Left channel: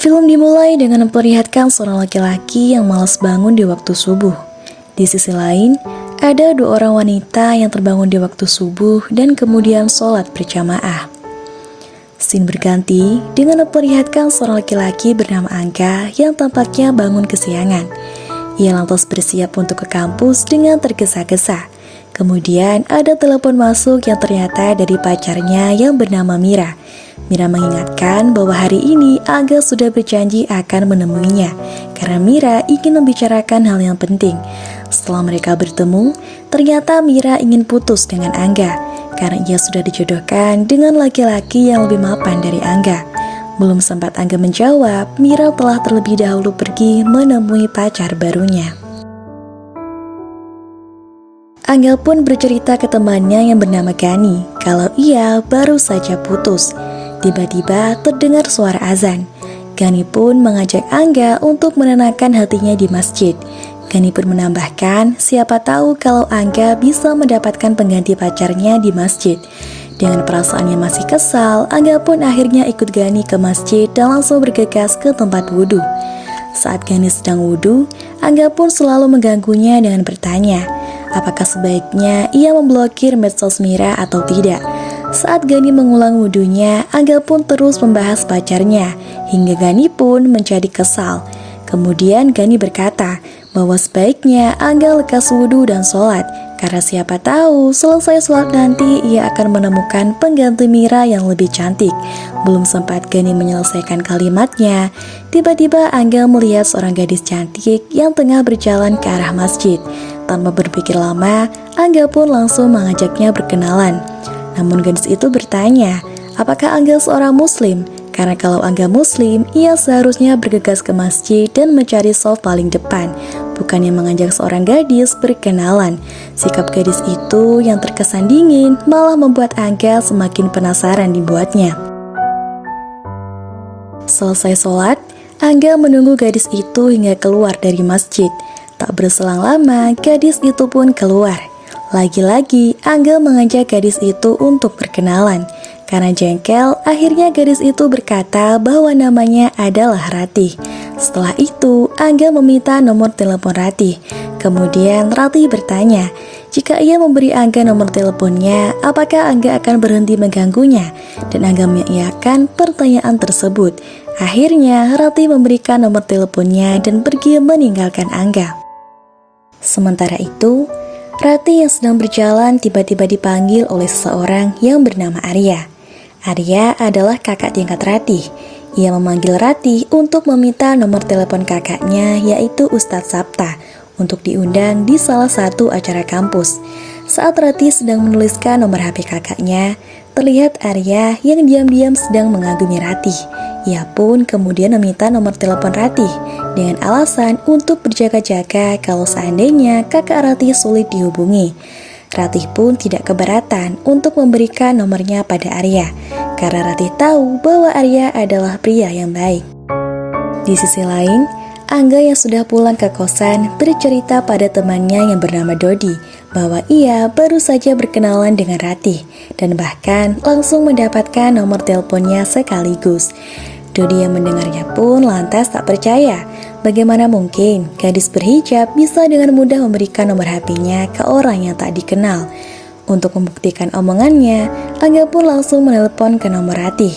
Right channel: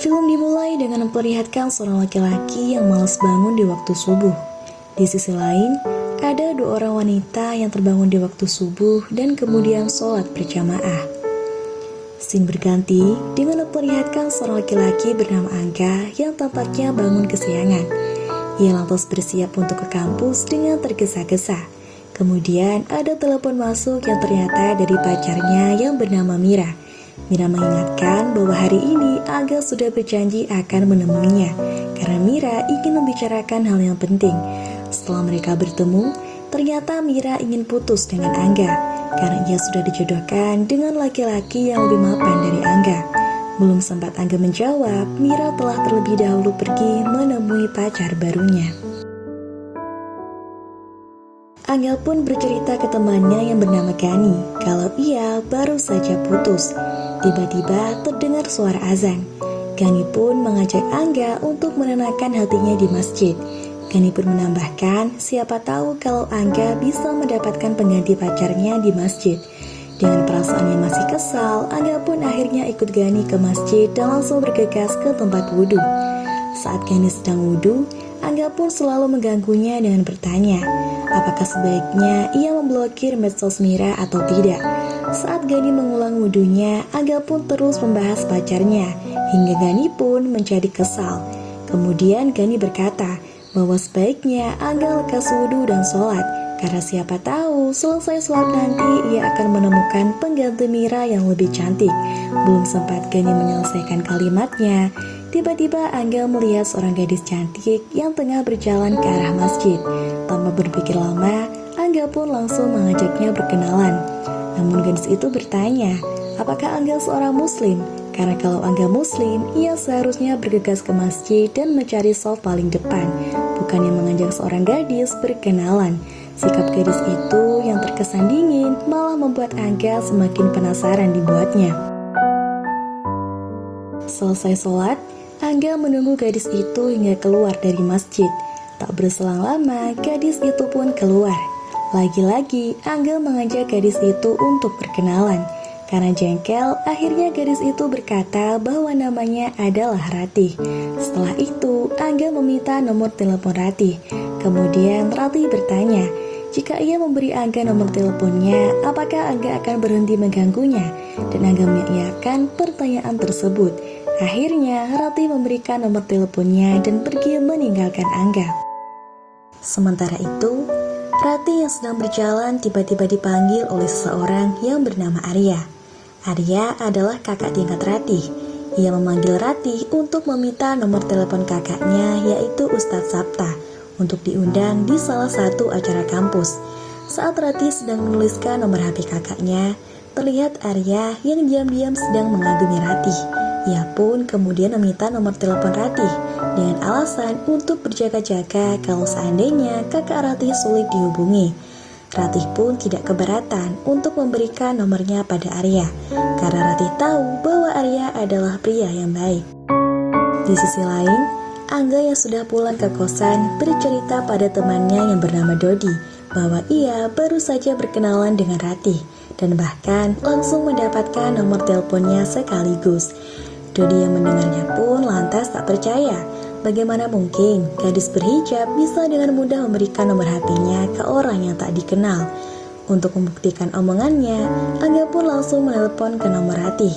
Film dimulai dengan memperlihatkan seorang laki-laki yang malas bangun di waktu subuh. Di sisi lain, ada dua orang wanita yang terbangun di waktu subuh dan kemudian sholat berjamaah. Scene berganti dengan memperlihatkan seorang laki-laki bernama Angga yang tampaknya bangun kesiangan. Ia lantas bersiap untuk ke kampus dengan tergesa-gesa. Kemudian ada telepon masuk yang ternyata dari pacarnya yang bernama Mira. Mira mengingatkan bahwa hari ini Angga sudah berjanji akan menemuinya karena Mira ingin membicarakan hal yang penting. Setelah mereka bertemu, ternyata Mira ingin putus dengan Angga karena ia sudah dijodohkan dengan laki-laki yang lebih mapan dari Angga. Belum sempat Angga menjawab, Mira telah terlebih dahulu pergi menemui pacar barunya. Angga pun bercerita ke temannya yang bernama Gani kalau ia baru saja putus. Tiba-tiba terdengar suara azan. Gani pun mengajak Angga untuk menenangkan hatinya di masjid. Gani pun menambahkan siapa tahu kalau Angga bisa mendapatkan pengganti pacarnya di masjid. Dengan perasaan yang masih kesal, Angga pun akhirnya ikut Gani ke masjid dan langsung bergegas ke tempat wudhu. Saat Gani sedang wudhu, Angga pun selalu mengganggunya dengan bertanya, apakah sebaiknya ia memblokir medsos Mira atau tidak. Saat Gani mengulang wudhunya, Angga pun terus membahas pacarnya, hingga Gani pun menjadi kesal. Kemudian Gani berkata bahwa sebaiknya Angga lekas wudhu dan sholat, karena siapa tahu selesai sholat nanti ia akan menemukan pengganti Mira yang lebih cantik. Belum sempat Gani menyelesaikan kalimatnya, tiba-tiba Angga melihat seorang gadis cantik yang tengah berjalan ke arah masjid. Tanpa berpikir lama, Angga pun langsung mengajaknya berkenalan. Namun gadis itu bertanya, apakah Angga seorang muslim? Karena kalau Angga muslim, ia seharusnya bergegas ke masjid dan mencari shaf paling depan, bukannya mengajak seorang gadis berkenalan. Sikap gadis itu yang terkesan dingin malah membuat Angga semakin penasaran dibuatnya. Selesai sholat, Angga menunggu gadis itu hingga keluar dari masjid. Tak berselang lama, gadis itu pun keluar. Lagi-lagi, Angga mengajak gadis itu untuk berkenalan. Karena jengkel, akhirnya gadis itu berkata bahwa namanya adalah Ratih. Setelah itu, Angga meminta nomor telepon Ratih. Kemudian Ratih bertanya, jika ia memberi Angga nomor teleponnya, apakah Angga akan berhenti mengganggunya? Dan Angga mengiyakan pertanyaan tersebut. Akhirnya, Ratih memberikan nomor teleponnya dan pergi meninggalkan Angga. Sementara itu, Ratih yang sedang berjalan tiba-tiba dipanggil oleh seseorang yang bernama Arya. Arya adalah kakak tingkat Ratih. Ia memanggil Ratih untuk meminta nomor telepon kakaknya, yaitu Ustadz Sapta, untuk diundang di salah satu acara kampus. Saat Ratih sedang menuliskan nomor HP kakaknya, terlihat Arya yang diam-diam sedang mengagumi Ratih. Ia pun kemudian meminta nomor telepon Ratih dengan alasan untuk berjaga-jaga kalau seandainya kakak Ratih sulit dihubungi. Ratih pun tidak keberatan untuk memberikan nomornya pada Arya, karena Ratih tahu bahwa Arya adalah pria yang baik. Di sisi lain, Angga yang sudah pulang ke kosan bercerita pada temannya yang bernama Dodi bahwa ia baru saja berkenalan dengan Ratih dan bahkan langsung mendapatkan nomor teleponnya sekaligus. Dodi yang mendengarnya pun lantas tak percaya. Bagaimana mungkin gadis berhijab bisa dengan mudah memberikan nomor HP-nya ke orang yang tak dikenal? Untuk membuktikan omongannya, Angga pun langsung menelepon ke nomor Ratih.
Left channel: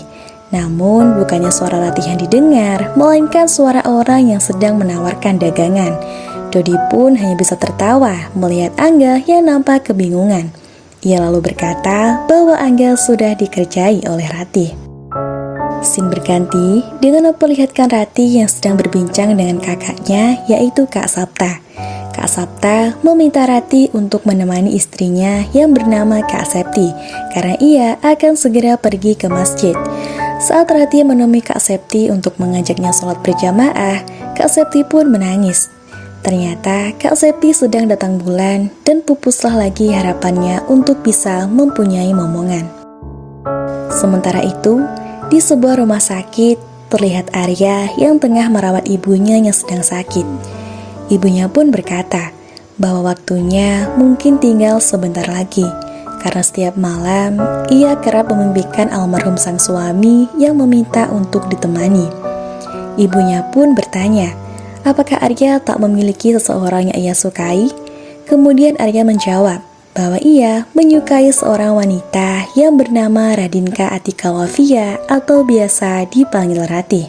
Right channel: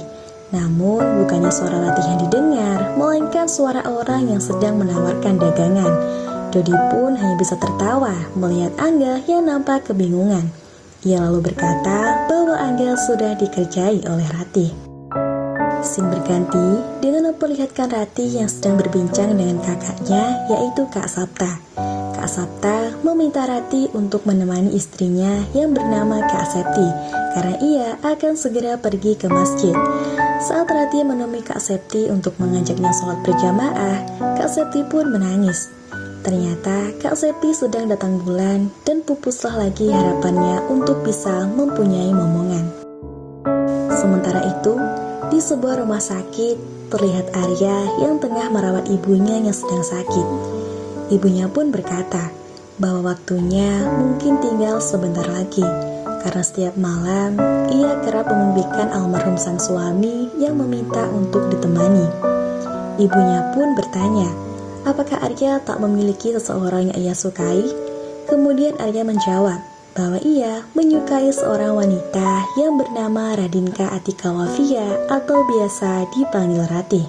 Namun bukannya suara Ratih yang didengar, melainkan suara orang yang sedang menawarkan dagangan. Dodi pun hanya bisa tertawa melihat Angga yang nampak kebingungan. Ia lalu berkata bahwa Angga sudah dikerjai oleh Ratih. Scene berganti dengan memperlihatkan Ratih yang sedang berbincang dengan kakaknya, yaitu Kak Sapta. Kak Sapta meminta Ratih untuk menemani istrinya yang bernama Kak Septi, karena ia akan segera pergi ke masjid. Saat Ratih menemui Kak Septi untuk mengajaknya sholat berjamaah, Kak Septi pun menangis. Ternyata Kak Septi sedang datang bulan dan pupuslah lagi harapannya untuk bisa mempunyai momongan. Sementara itu, di sebuah rumah sakit, terlihat Arya yang tengah merawat ibunya yang sedang sakit. Ibunya pun berkata bahwa waktunya mungkin tinggal sebentar lagi, karena setiap malam ia kerap memimpikan almarhum sang suami yang meminta untuk ditemani. Ibunya pun bertanya, apakah Arya tak memiliki seseorang yang ia sukai? Kemudian Arya menjawab bahwa ia menyukai seorang wanita yang bernama Radinka Atika Wafia atau biasa dipanggil Ratih.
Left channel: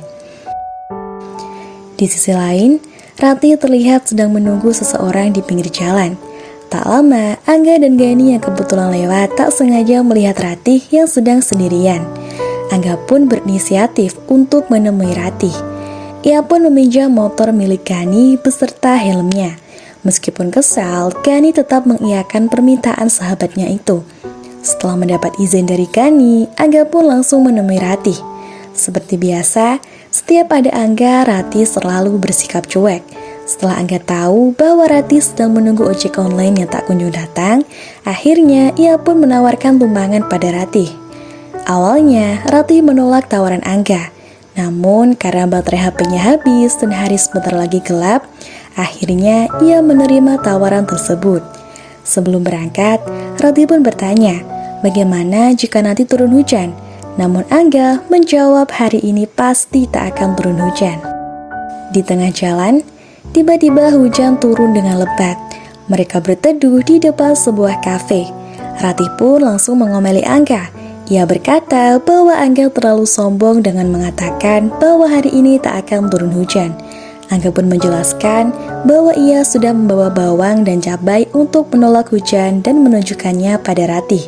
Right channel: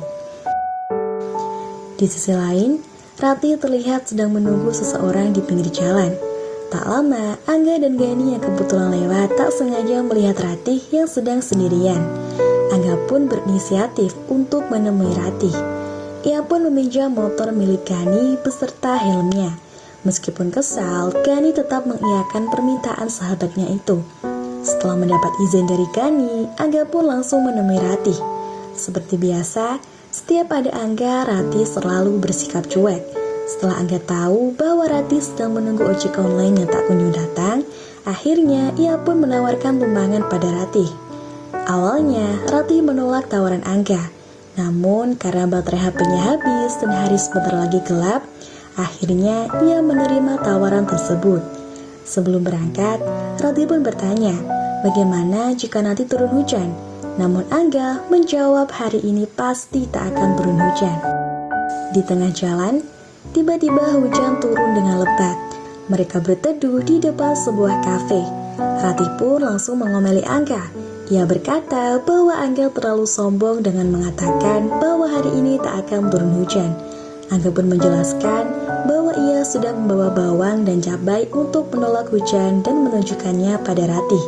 Di sisi lain, Ratih terlihat sedang menunggu seseorang di pinggir jalan. Tak lama, Angga dan Gani yang kebetulan lewat tak sengaja melihat Ratih yang sedang sendirian. Angga pun berinisiatif untuk menemui Ratih. Ia pun meminjam motor milik Gani beserta helmnya. Meskipun kesal, Gani tetap mengiyakan permintaan sahabatnya itu. Setelah mendapat izin dari Gani, Angga pun langsung menemui Ratih. Seperti biasa, setiap ada Angga, Ratih selalu bersikap cuek. Setelah Angga tahu bahwa Ratih sedang menunggu ojek online yang tak kunjung datang, akhirnya ia pun menawarkan tumpangan pada Ratih. Awalnya, Ratih menolak tawaran Angga. Namun, karena baterai HP-nya habis dan hari sebentar lagi gelap, akhirnya ia menerima tawaran tersebut. Sebelum berangkat, Ratih pun bertanya, bagaimana jika nanti turun hujan? Namun Angga menjawab hari ini pasti tak akan turun hujan. Di tengah jalan, tiba-tiba hujan turun dengan lebat. Mereka berteduh di depan sebuah kafe. Ratih pun langsung mengomeli Angga. Ia berkata bahwa Angga terlalu sombong dengan mengatakan bahwa hari ini tak akan turun hujan. Angga pun menjelaskan bahwa ia sudah membawa bawang dan cabai untuk menolak hujan dan menunjukkannya pada Ratih.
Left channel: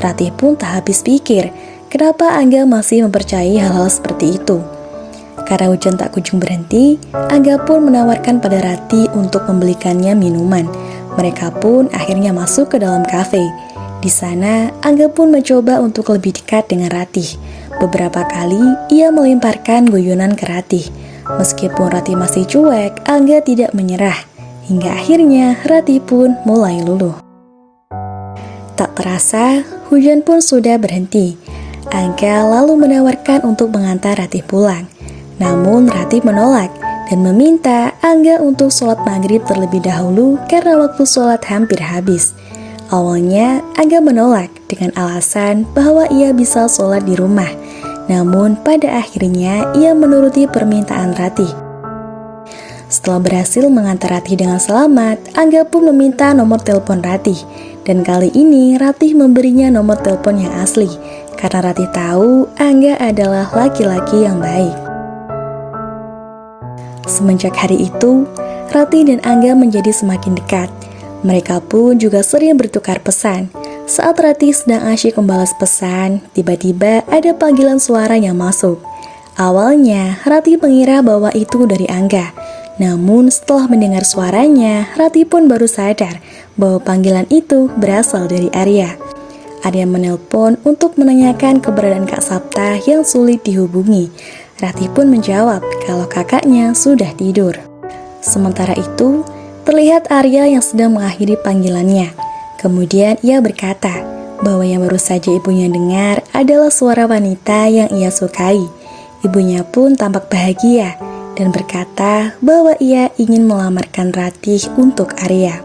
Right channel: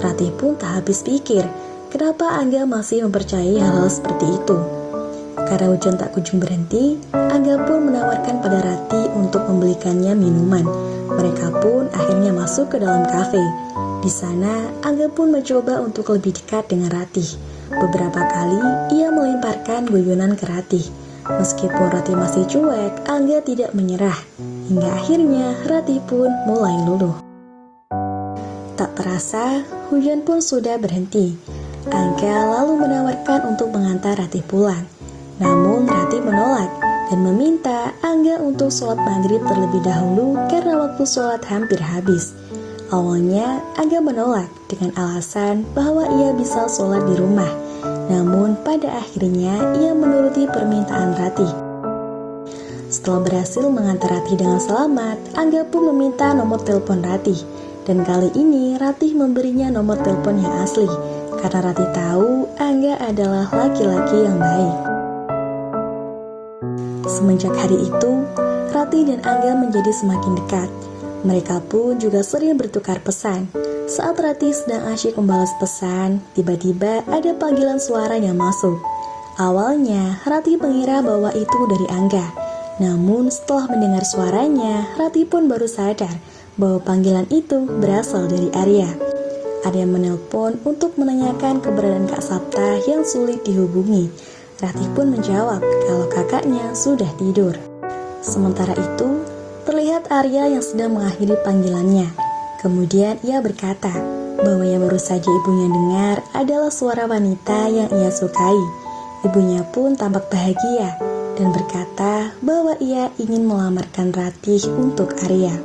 Ratih pun tak habis pikir, kenapa Angga masih mempercayai hal-hal seperti itu. Karena hujan tak kunjung berhenti, Angga pun menawarkan pada Ratih untuk membelikannya minuman. Mereka pun akhirnya masuk ke dalam kafe. Di sana, Angga pun mencoba untuk lebih dekat dengan Ratih. Beberapa kali, ia melemparkan guyonan ke Ratih. Meskipun Ratih masih cuek, Angga tidak menyerah. Hingga akhirnya, Ratih pun mulai luluh. Tak terasa, hujan pun sudah berhenti. Angga lalu menawarkan untuk mengantar Ratih pulang. Namun Ratih menolak dan meminta Angga untuk sholat maghrib terlebih dahulu karena waktu sholat hampir habis. Awalnya Angga menolak dengan alasan bahwa ia bisa sholat di rumah. Namun pada akhirnya ia menuruti permintaan Ratih. Setelah berhasil mengantar Ratih dengan selamat, Angga pun meminta nomor telepon Ratih. Dan kali ini Ratih memberinya nomor telepon yang asli karena Ratih tahu Angga adalah laki-laki yang baik. Semenjak hari itu, Ratih dan Angga menjadi semakin dekat. Mereka pun juga sering bertukar pesan. Saat Ratih sedang asyik membalas pesan, tiba-tiba ada panggilan suara yang masuk. Awalnya, Ratih mengira bahwa itu dari Angga. Namun setelah mendengar suaranya, Ratih pun baru sadar bahwa panggilan itu berasal dari Arya. Arya menelpon untuk menanyakan keberadaan Kak Sapta yang sulit dihubungi. Ratih pun menjawab kalau kakaknya sudah tidur. Sementara itu, terlihat Arya yang sedang mengakhiri panggilannya. Kemudian ia berkata bahwa yang baru saja ibunya dengar adalah suara wanita yang ia sukai. Ibunya pun tampak bahagia dan berkata bahwa ia ingin melamarkan Ratih untuk Arya.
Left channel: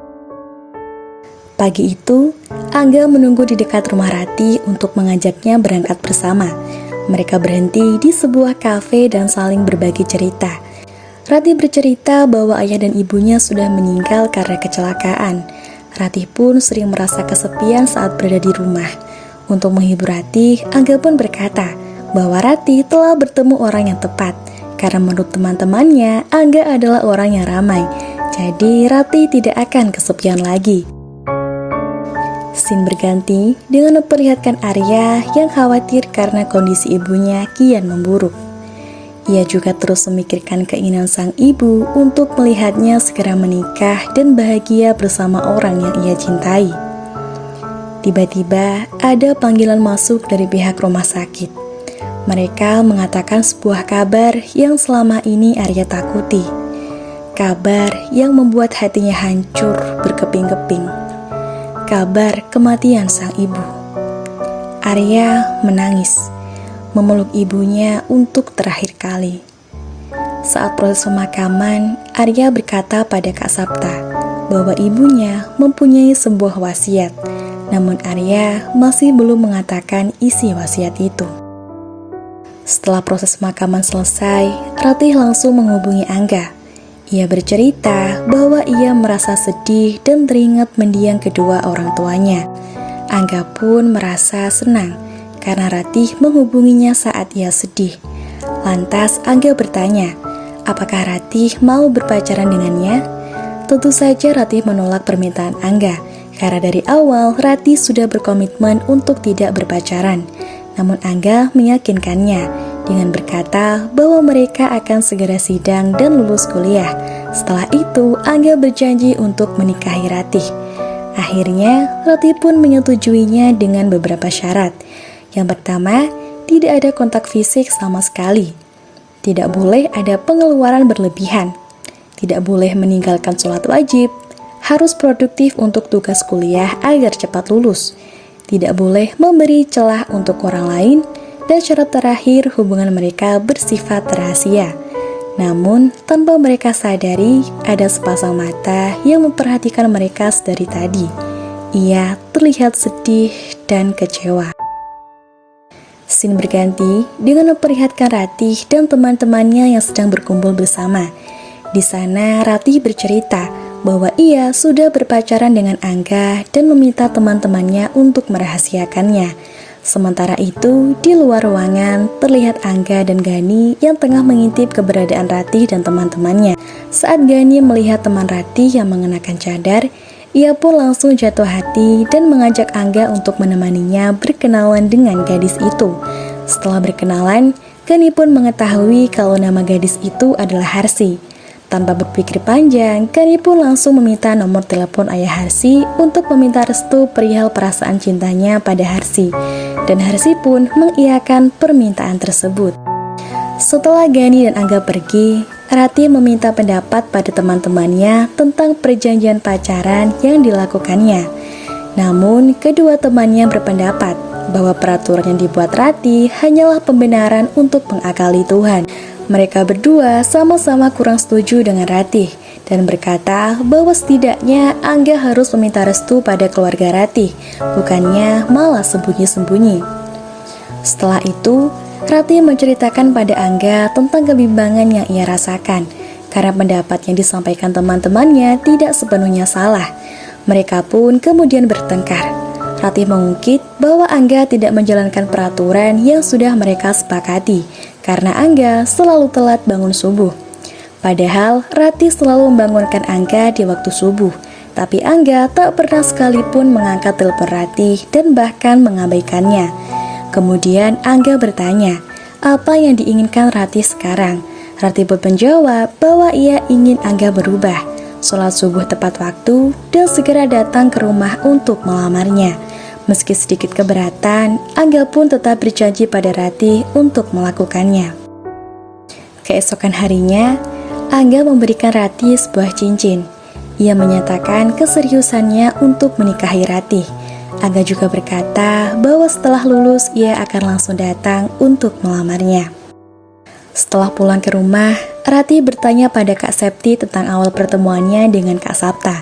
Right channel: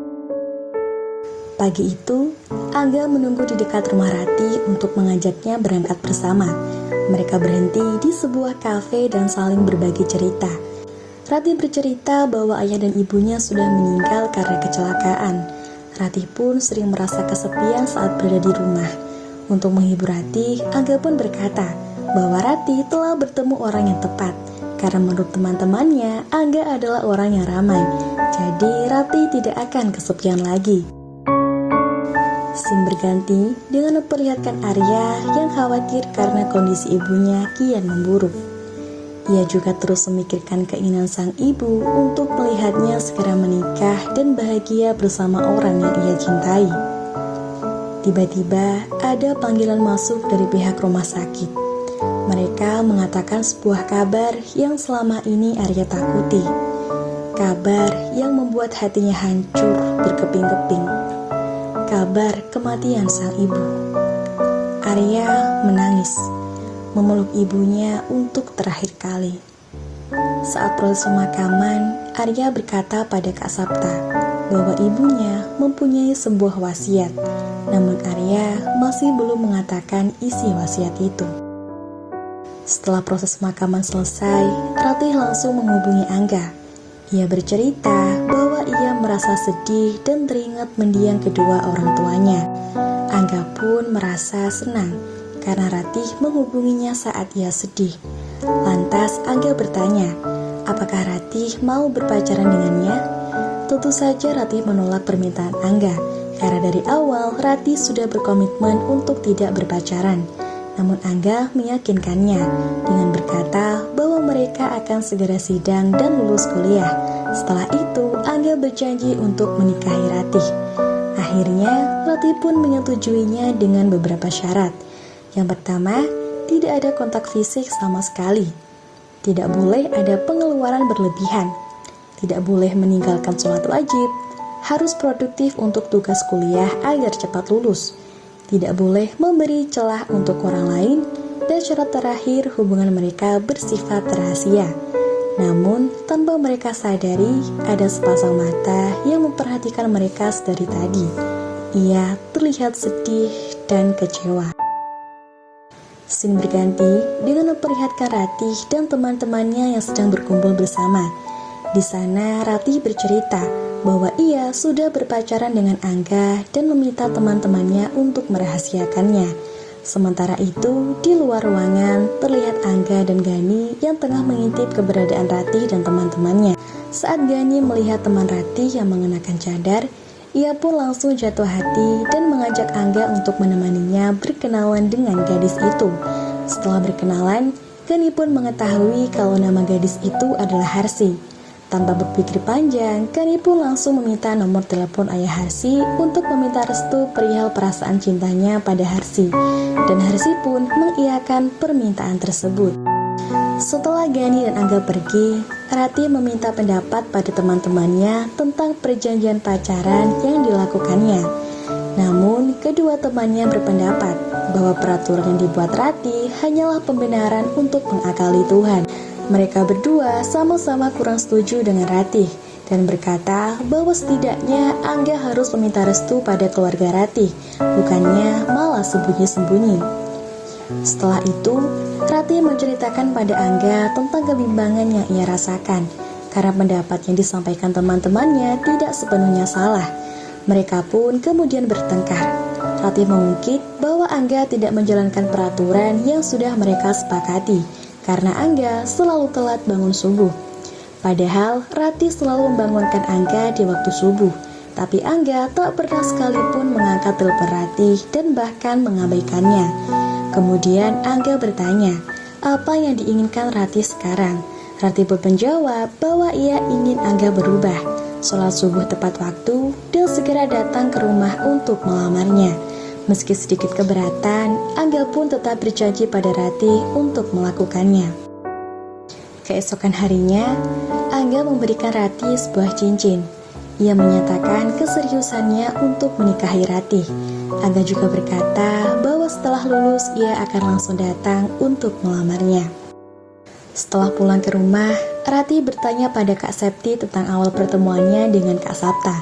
Pagi itu, Angga menunggu di dekat rumah Ratih untuk mengajaknya berangkat bersama. Mereka berhenti di sebuah kafe dan saling berbagi cerita. Ratih bercerita bahwa ayah dan ibunya sudah meninggal karena kecelakaan. Ratih pun sering merasa kesepian saat berada di rumah. Untuk menghibur Ratih, Angga pun berkata bahwa Ratih telah bertemu orang yang tepat. Karena menurut teman-temannya, Angga adalah orang yang ramai. Jadi Ratih tidak akan kesepian lagi. Scene berganti dengan memperlihatkan Arya yang khawatir karena kondisi ibunya kian memburuk. Ia juga terus memikirkan keinginan sang ibu untuk melihatnya segera menikah dan bahagia bersama orang yang ia cintai. Tiba-tiba ada panggilan masuk dari pihak rumah sakit. Mereka mengatakan sebuah kabar yang selama ini Arya takuti. Kabar yang membuat hatinya hancur berkeping-keping. Kabar kematian sang ibu. Arya menangis, memeluk ibunya untuk terakhir kali. Saat proses pemakaman, Arya berkata pada Kak Sapta bahwa ibunya mempunyai sebuah wasiat, namun Arya masih belum mengatakan isi wasiat itu. Setelah proses pemakaman selesai, Ratih langsung menghubungi Angga. Ia bercerita bahwa ia merasa sedih dan teringat mendiang kedua orang tuanya. Angga pun merasa senang karena Ratih menghubunginya saat ia sedih. Lantas Angga bertanya, apakah Ratih mau berpacaran dengannya? Tentu saja Ratih menolak permintaan Angga, karena dari awal Ratih sudah berkomitmen untuk tidak berpacaran. Namun Angga meyakinkannya dengan berkata bahwa mereka akan segera sidang dan lulus kuliah. Setelah itu Angga berjanji untuk menikahi Ratih. Akhirnya Ratih pun menyetujuinya dengan beberapa syarat. Yang pertama, tidak ada kontak fisik sama sekali. Tidak boleh ada pengeluaran berlebihan. Tidak boleh meninggalkan sholat wajib. Harus produktif untuk tugas kuliah agar cepat lulus. Tidak boleh memberi celah untuk orang lain, dan syarat terakhir hubungan mereka bersifat rahasia. Namun, tanpa mereka sadari, ada sepasang mata yang memperhatikan mereka sedari tadi. Ia terlihat sedih dan kecewa. Scene berganti dengan memperlihatkan Ratih dan teman-temannya yang sedang berkumpul bersama. Di sana, Ratih bercerita bahwa ia sudah berpacaran dengan Angga dan meminta teman-temannya untuk merahasiakannya. Sementara itu, di luar ruangan terlihat Angga dan Gani yang tengah mengintip keberadaan Ratih dan teman-temannya. Saat Gani melihat teman Ratih yang mengenakan cadar, ia pun langsung jatuh hati dan mengajak Angga untuk menemaninya berkenalan dengan gadis itu. Setelah berkenalan, Gani pun mengetahui kalau nama gadis itu adalah Harsi. Tanpa berpikir panjang, Gani pun langsung meminta nomor telepon ayah Harsi untuk meminta restu perihal perasaan cintanya pada Harsi. Dan Harsi pun mengiyakan permintaan tersebut. Setelah Gani dan Angga pergi, Ratih meminta pendapat pada teman-temannya tentang perjanjian pacaran yang dilakukannya. Namun, kedua temannya berpendapat bahwa peraturan yang dibuat Ratih hanyalah pembenaran untuk mengakali Tuhan. Mereka berdua sama-sama kurang setuju dengan Ratih dan berkata bahwa setidaknya Angga harus meminta restu pada keluarga Ratih, bukannya malah sembunyi-sembunyi. Setelah itu, Ratih menceritakan pada Angga tentang kebimbangan yang ia rasakan karena pendapat yang disampaikan teman-temannya tidak sepenuhnya salah. Mereka pun kemudian bertengkar. Ratih mengungkit bahwa Angga tidak menjalankan peraturan yang sudah mereka sepakati karena Angga selalu telat bangun subuh. Padahal Ratih selalu membangunkan Angga di waktu subuh, tapi Angga tak pernah sekalipun mengangkat telepon Ratih dan bahkan mengabaikannya. Kemudian Angga bertanya, apa yang diinginkan Ratih sekarang? Ratih pun menjawab bahwa ia ingin Angga berubah, sholat subuh tepat waktu, dan segera datang ke rumah untuk melamarnya. Meski sedikit keberatan, Angga pun tetap berjanji pada Ratih untuk melakukannya. Keesokan harinya, Angga memberikan Ratih sebuah cincin. Ia menyatakan keseriusannya untuk menikahi Ratih. Angga juga berkata bahwa setelah lulus ia akan langsung datang untuk melamarnya. Setelah pulang ke rumah, Ratih bertanya pada Kak Septi tentang awal pertemuannya dengan Kak Sapta.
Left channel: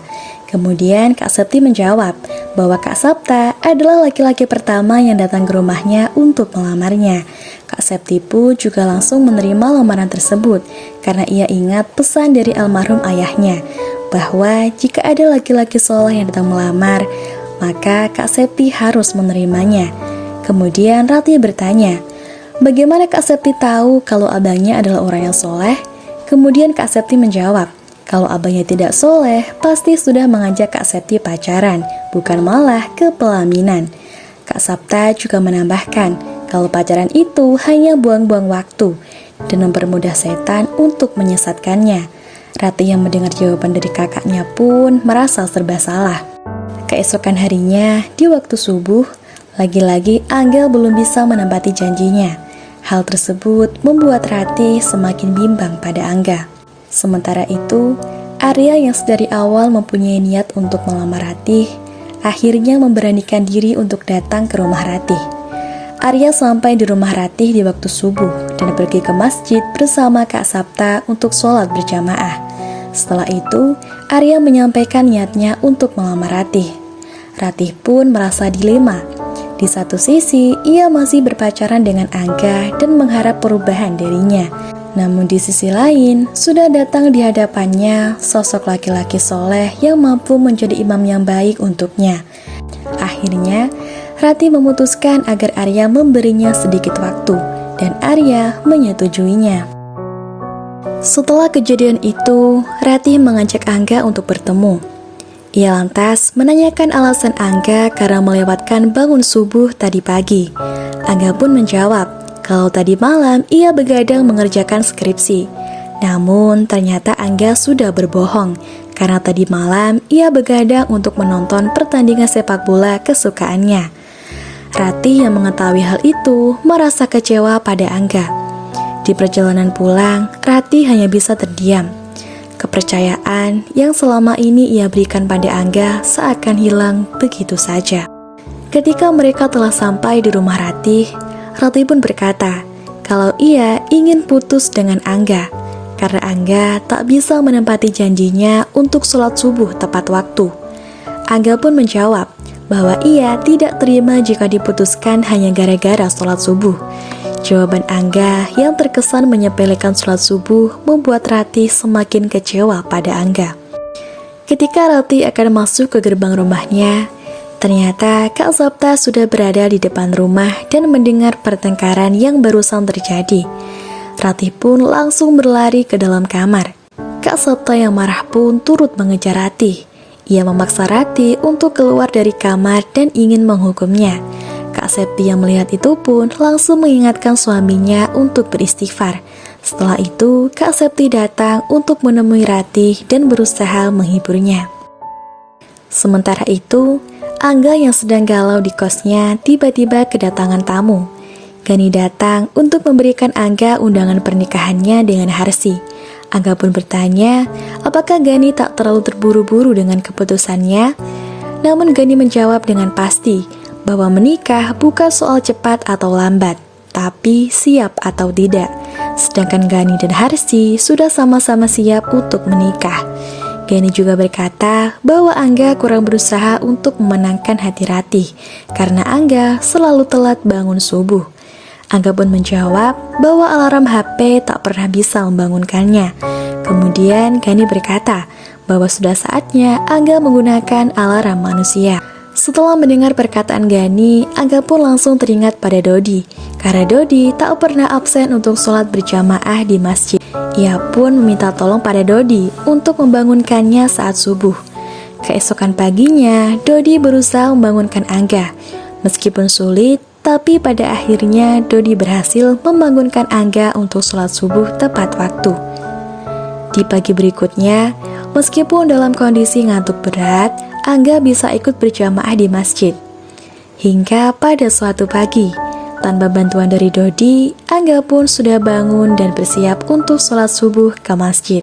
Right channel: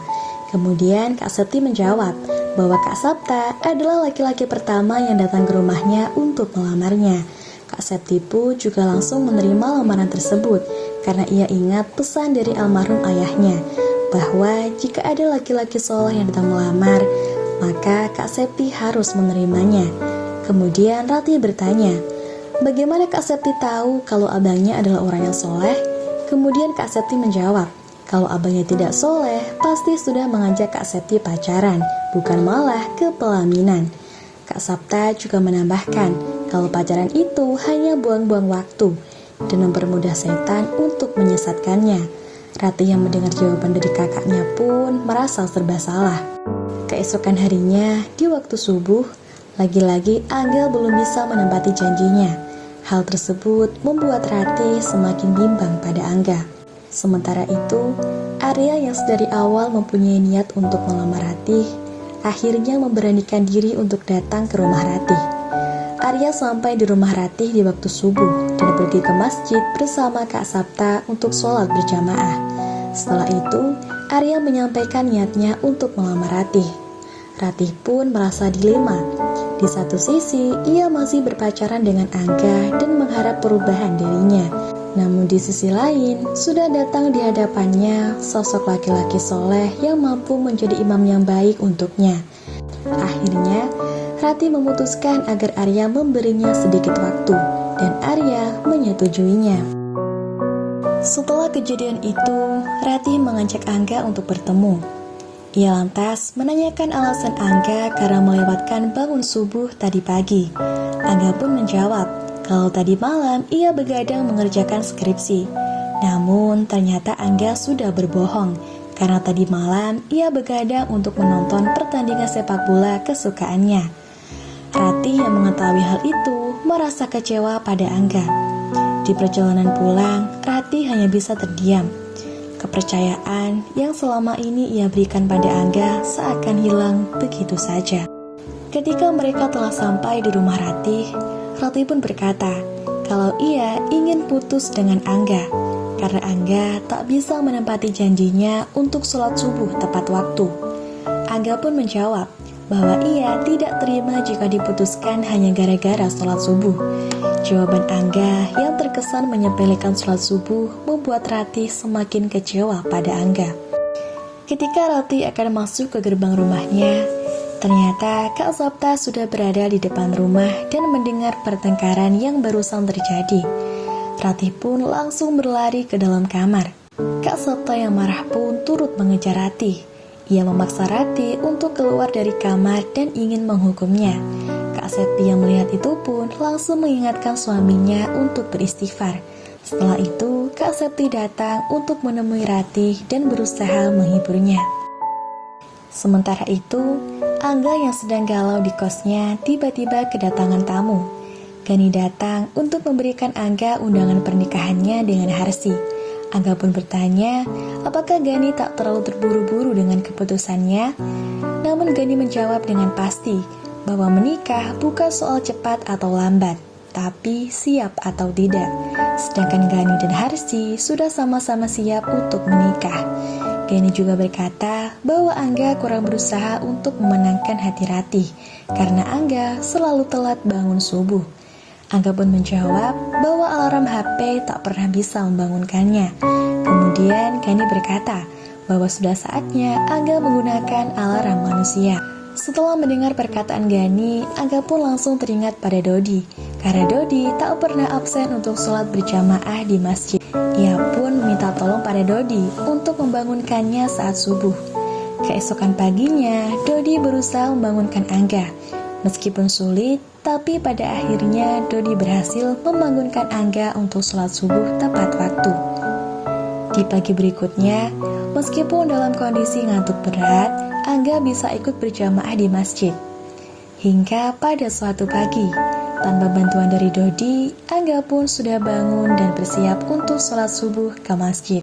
Kemudian Kak Septi menjawab bahwa Kak Sapta adalah laki-laki pertama yang datang ke rumahnya untuk melamarnya. Kak Septi pun juga langsung menerima lamaran tersebut karena ia ingat pesan dari almarhum ayahnya bahwa jika ada laki-laki soleh yang datang melamar, maka Kak Septi harus menerimanya. Kemudian Ratih bertanya, bagaimana Kak Septi tahu kalau abangnya adalah orang yang soleh? Kemudian Kak Septi menjawab, kalau abangnya tidak soleh, pasti sudah mengajak Kak Septi pacaran, bukan malah ke pelaminan. Kak Sapta juga menambahkan, kalau pacaran itu hanya buang-buang waktu dan mempermudah setan untuk menyesatkannya. Ratih yang mendengar jawaban dari kakaknya pun merasa serba salah. Keesokan harinya, di waktu subuh, lagi-lagi Angga belum bisa menepati janjinya. Hal tersebut membuat Ratih semakin bimbang pada Angga. Sementara itu, Arya yang sedari awal mempunyai niat untuk melamar Ratih, akhirnya memberanikan diri untuk datang ke rumah Ratih. Arya sampai di rumah Ratih di waktu subuh dan pergi ke masjid bersama Kak Sapta untuk sholat berjamaah. Setelah itu, Arya menyampaikan niatnya untuk melamar Ratih. Ratih pun merasa dilema. Di satu sisi, ia masih berpacaran dengan Angga dan mengharap perubahan dirinya. Namun di sisi lain, sudah datang di hadapannya sosok laki-laki soleh yang mampu menjadi imam yang baik untuknya. Akhirnya, Ratih memutuskan agar Arya memberinya sedikit waktu, dan Arya menyetujuinya. Setelah kejadian itu, Ratih mengajak Angga untuk bertemu. Ia lantas menanyakan alasan Angga karena melewatkan bangun subuh tadi pagi. Angga pun menjawab kalau tadi malam ia begadang mengerjakan skripsi. Namun ternyata Angga sudah berbohong karena tadi malam ia begadang untuk menonton pertandingan sepak bola kesukaannya. Ratih yang mengetahui hal itu merasa kecewa pada Angga. Di perjalanan pulang, Ratih hanya bisa terdiam. Kepercayaan yang selama ini ia berikan pada Angga seakan hilang begitu saja. Ketika mereka telah sampai di rumah Ratih, Ratih pun berkata kalau ia ingin putus dengan Angga karena Angga tak bisa menepati janjinya untuk sholat subuh tepat waktu. Angga pun menjawab bahwa ia tidak terima jika diputuskan hanya gara-gara sholat subuh. Jawaban Angga yang terkesan menyepelekan sholat subuh membuat Ratih semakin kecewa pada Angga. Ketika Ratih akan masuk ke gerbang rumahnya, ternyata Kak Sapta sudah berada di depan rumah dan mendengar pertengkaran yang barusan terjadi. Ratih pun langsung berlari ke dalam kamar. Kak Sapta yang marah pun turut mengejar Ratih. Ia memaksa Ratih untuk keluar dari kamar dan ingin menghukumnya. Kak Septi yang melihat itu pun langsung mengingatkan suaminya untuk beristighfar. Setelah itu, Kak Septi datang untuk menemui Ratih dan berusaha menghiburnya. Sementara itu, Angga yang sedang galau di kosnya tiba-tiba kedatangan tamu. Gani datang untuk memberikan Angga undangan pernikahannya dengan Harsi. Angga pun bertanya, apakah Gani tak terlalu terburu-buru dengan keputusannya? Namun Gani menjawab dengan pasti bahwa menikah bukan soal cepat atau lambat, tapi siap atau tidak. Sedangkan Gani dan Harsi sudah sama-sama siap untuk menikah. Gani juga berkata bahwa Angga kurang berusaha untuk memenangkan hati Ratih karena Angga selalu telat bangun subuh. Angga pun menjawab bahwa alarm HP tak pernah bisa membangunkannya. Kemudian Gani berkata bahwa sudah saatnya Angga menggunakan alarm manusia. Setelah mendengar perkataan Gani, Angga pun langsung teringat pada Dodi. Karena Dodi tak pernah absen untuk sholat berjamaah di masjid. Ia pun meminta tolong pada Dodi untuk membangunkannya saat subuh. Keesokan paginya, Dodi berusaha membangunkan Angga. Meskipun sulit, tapi pada akhirnya Dodi berhasil membangunkan Angga untuk sholat subuh tepat waktu. Di pagi berikutnya, meskipun dalam kondisi ngantuk berat, Angga bisa ikut berjamaah di masjid. Hingga pada suatu pagi, tanpa bantuan dari Dodi, Angga pun sudah bangun dan bersiap untuk sholat subuh ke masjid.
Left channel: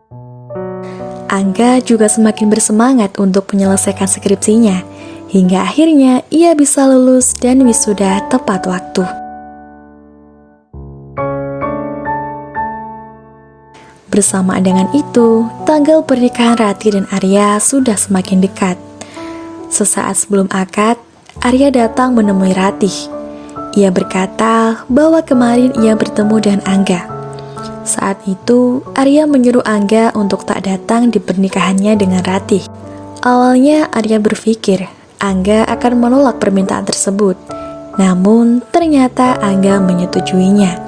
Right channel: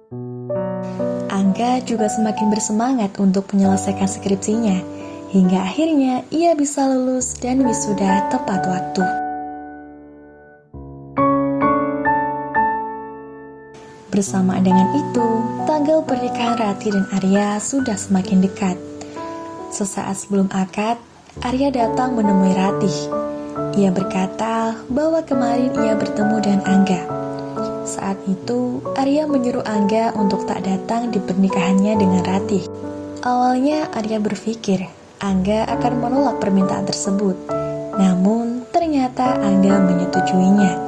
Angga juga semakin bersemangat untuk menyelesaikan skripsinya, hingga akhirnya ia bisa lulus dan wisuda tepat waktu. Bersamaan dengan itu, tanggal pernikahan Ratih dan Arya sudah semakin dekat. Sesaat sebelum akad, Arya datang menemui Ratih. Ia berkata bahwa kemarin ia bertemu dengan Angga. Saat itu, Arya menyuruh Angga untuk tak datang di pernikahannya dengan Ratih. Awalnya Arya berpikir Angga akan menolak permintaan tersebut. Namun, ternyata Angga menyetujuinya.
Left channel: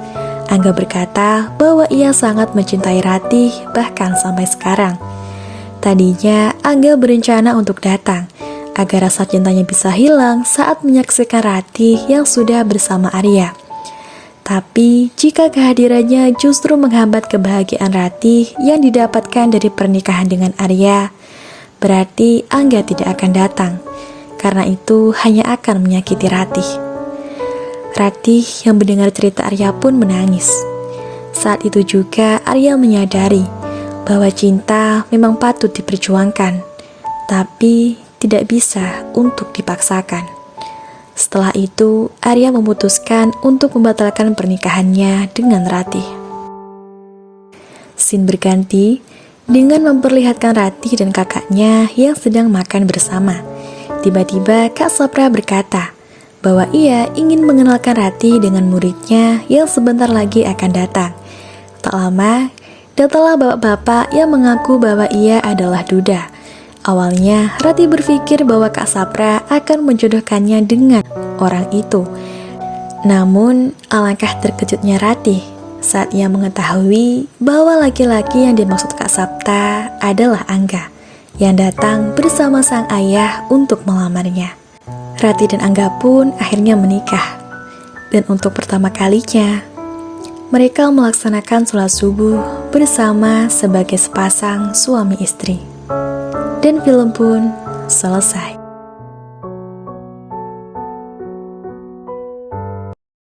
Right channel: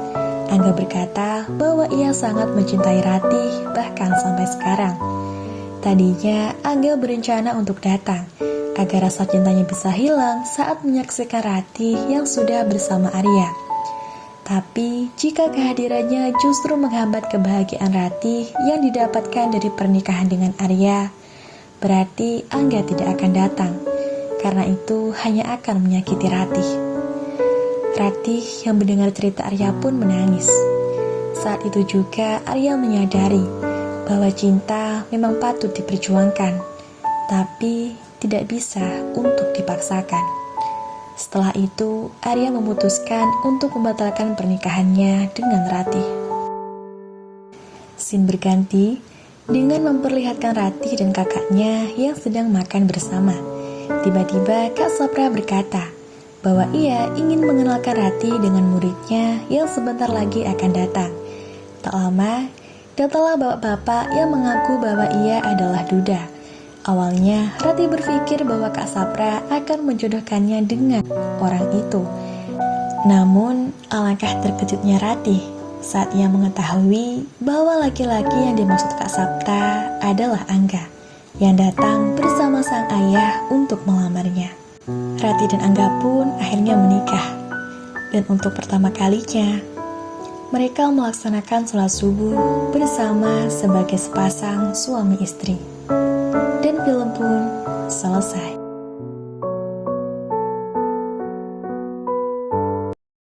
Angga berkata bahwa ia sangat mencintai Ratih bahkan sampai sekarang. Tadinya Angga berencana untuk datang agar rasa cintanya bisa hilang saat menyaksikan Ratih yang sudah bersama Arya. Tapi jika kehadirannya justru menghambat kebahagiaan Ratih yang didapatkan dari pernikahan dengan Arya, berarti Angga tidak akan datang. Karena itu hanya akan menyakiti Ratih. Ratih yang mendengar cerita Arya pun menangis. Saat itu juga Arya menyadari bahwa cinta memang patut diperjuangkan, tapi tidak bisa untuk dipaksakan. Setelah itu, Arya memutuskan untuk membatalkan pernikahannya dengan Ratih. Scene berganti dengan memperlihatkan Ratih dan kakaknya yang sedang makan bersama. Tiba-tiba Kak Sapra berkata bahwa ia ingin mengenalkan Rati dengan muridnya yang sebentar lagi akan datang. Tak lama, datanglah bapak-bapak yang mengaku bahwa ia adalah duda. Awalnya, Rati berpikir bahwa Kak Sapra akan menjodohkannya dengan orang itu. Namun, alangkah terkejutnya Rati saat ia mengetahui bahwa laki-laki yang dimaksud Kak Sapta adalah Angga yang datang bersama sang ayah untuk melamarnya. Rati dan Angga pun akhirnya menikah. Dan untuk pertama kalinya, mereka melaksanakan sholat subuh bersama sebagai sepasang suami istri. Dan film pun selesai.